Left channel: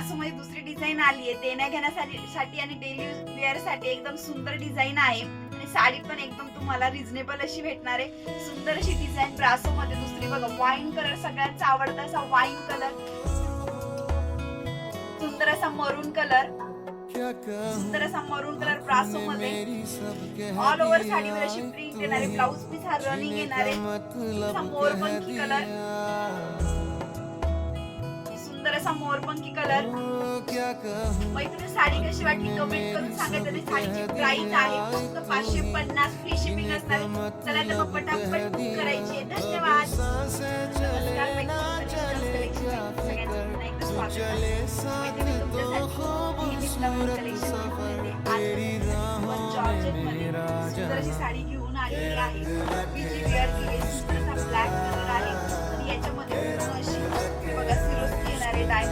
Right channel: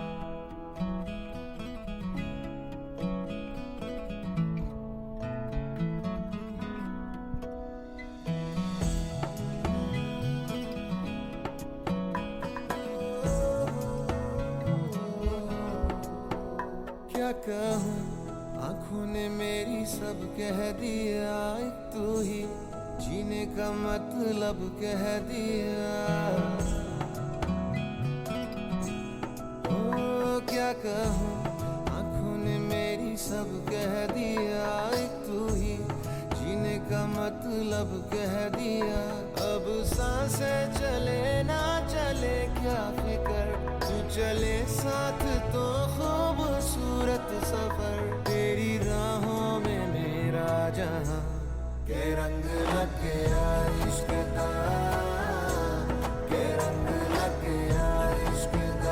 ब्रासो मध्ये दुसरी डिझाईन आली आहे, देण्या घेण्यासाठी आणि डेली वेअर साठी एकदम सुंदर डिझाईन आहे आणि साडी पण एकदम तुम्हाला रिझनेबल अशी भेटणार आहे. सुंदर अशी डिझाईन ब्रासो मध्ये दुसरी बघा, वाईन कलर सगळ्यांचा आवडता असा वाईन कलर, सुंदर असा मरून कलर, सुंदर असा मरून कलर ब्रासो मध्ये ऑल ओव्हर साडीवर अशी प्रिंट येणार आहे. ब्लाउज पीस हा रनिंग येणार आहे. मोरपंखी कलर, सुंदर असा मोरपंखी कलर. मैत्रिणी साडी कशी वाटली कमेंट करून सांगा. तरी साडीची प्राइस आहे फक्त 550 फ्री शिपिंग असणार. चला तर मग पटापट बुक करायची आहे. धन्यवाद. चले ना चले क्या फिकर, तू चले साथ तो खूबसूरत सफर, तेरी राहों में मेरा जहां ये रंग लग गया इश्क का, ये रंग लग गया इश्क का,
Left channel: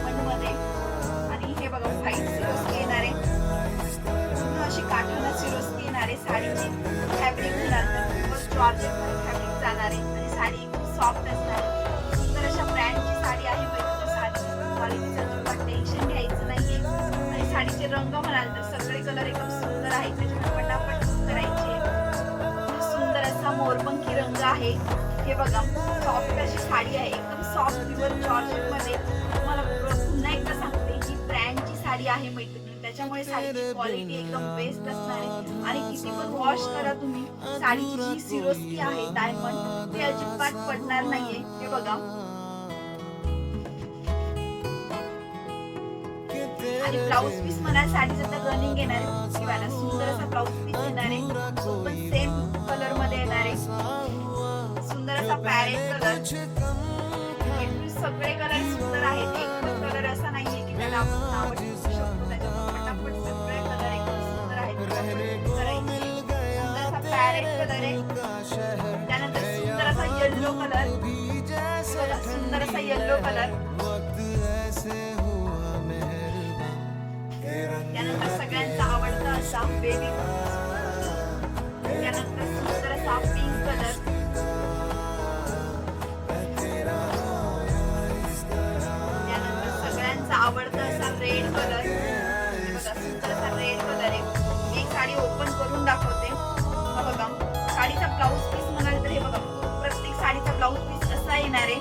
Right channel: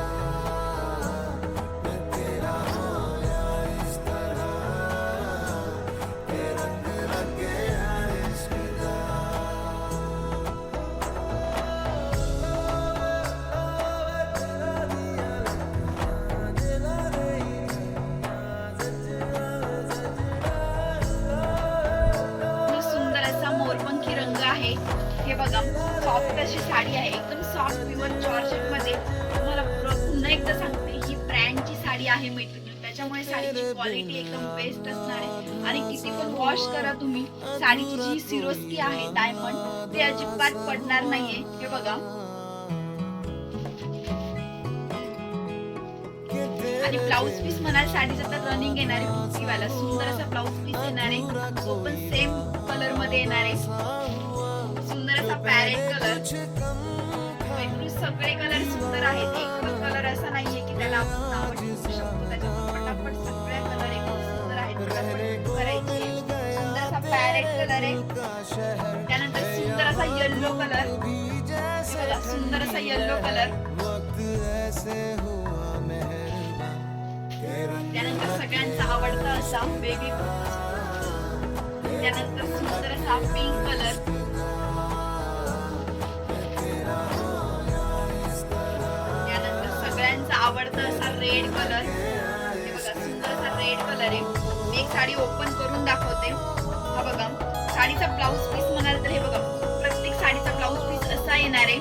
आणि हे बघा व्हाईट सिल्क येणार आहे. इस तरह अशी काठाला सिल्क येणार आहे. साडीची फॅब्रिक जाणार आहे आणि साडी सॉफ्ट असणार. सुंदर अशा ब्रँडची साडी आहे. टेन्शन घ्यायचं नाहीये. आणि साडीचे रंग म्हणाल तर सगळे कलर एकदम सुंदर आहेत. त्याच्यामुळे पटापट बुक करायची. सुंदर असा मोरपंखी रंग आहे. हे बघा सॉफ्ट अशी साडी आहे, एकदम सॉफ्ट प्युअर जॉर्जेट मध्ये. तुम्हाला पुन्हा एकदा सांगते ही ब्रँडची साडी आहे मैत्रिणी, त्याच्यामुळे साडीची क्वालिटी एकदम बेस्ट असणार आहे. आणि किती पण वॉश करा तुम्ही, साडीची जी सिरोस्की आहे डायमंड ते अजिबात पडणार नाहीये. हे बघा आणि ब्लाउज पीस म्हणाल साडीचा तर रनिंग येणार आहे. बुट्टीवाला सुंदर असा ब्लाउज पीस येणार आहे. तो पण सेम कलर मध्ये येणार आहे. सुंदर असा पॅरेट कलर. सगळे कलर सुंदर आहेत. एकच कलर असा नाहीये की त्याला आपण नाव ठेवू शकतो. त्याच्यामुळे पटापट सगळे कलर एकदम सुंदर आहेत. सुंदर असा पॅरेट कलर आहे. त्यानंतर सुंदर असा येलो कलर, सुंदर असा येलो कलर. त्यानंतर सगळ्यांचा आवडता असा बेबी, त्यानंतर सुंदर असा पिंक कलर, त्यानंतर सगळ्यांचा आवडता असा रेड कलर. हे बघा सुंदर असा रेड कलर आहे. मी एक साडी ओपन करून दाखवते. हा बघा साडीचा ब्लाउज पीस म्हणाल तर हे बघा प्रत्येक साडीचा ब्लाउज पीस असा येणार आहे.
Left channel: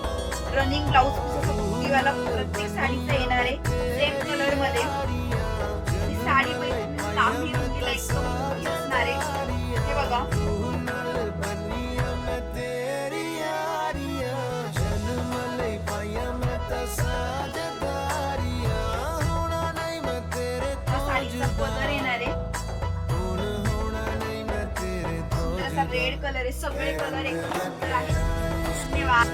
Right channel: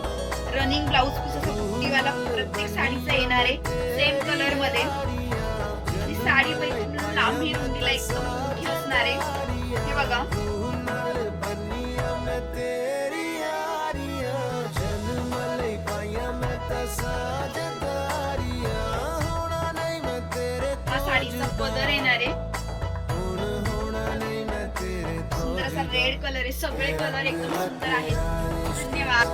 रनिंग ब्लाउज पीस असा बुट्टीवाला प्रत्येक साडीचा येणार आहे सेम कलर मध्ये. साडी लांबी रुंदीला एकदम मोठी असणार आहे. हे बघा हा साडीचा पदर येणार आहे. सुंदर असा रेड कलर आहे. सगळे कलर एकदम सुंदर आहेत. धन्यवाद.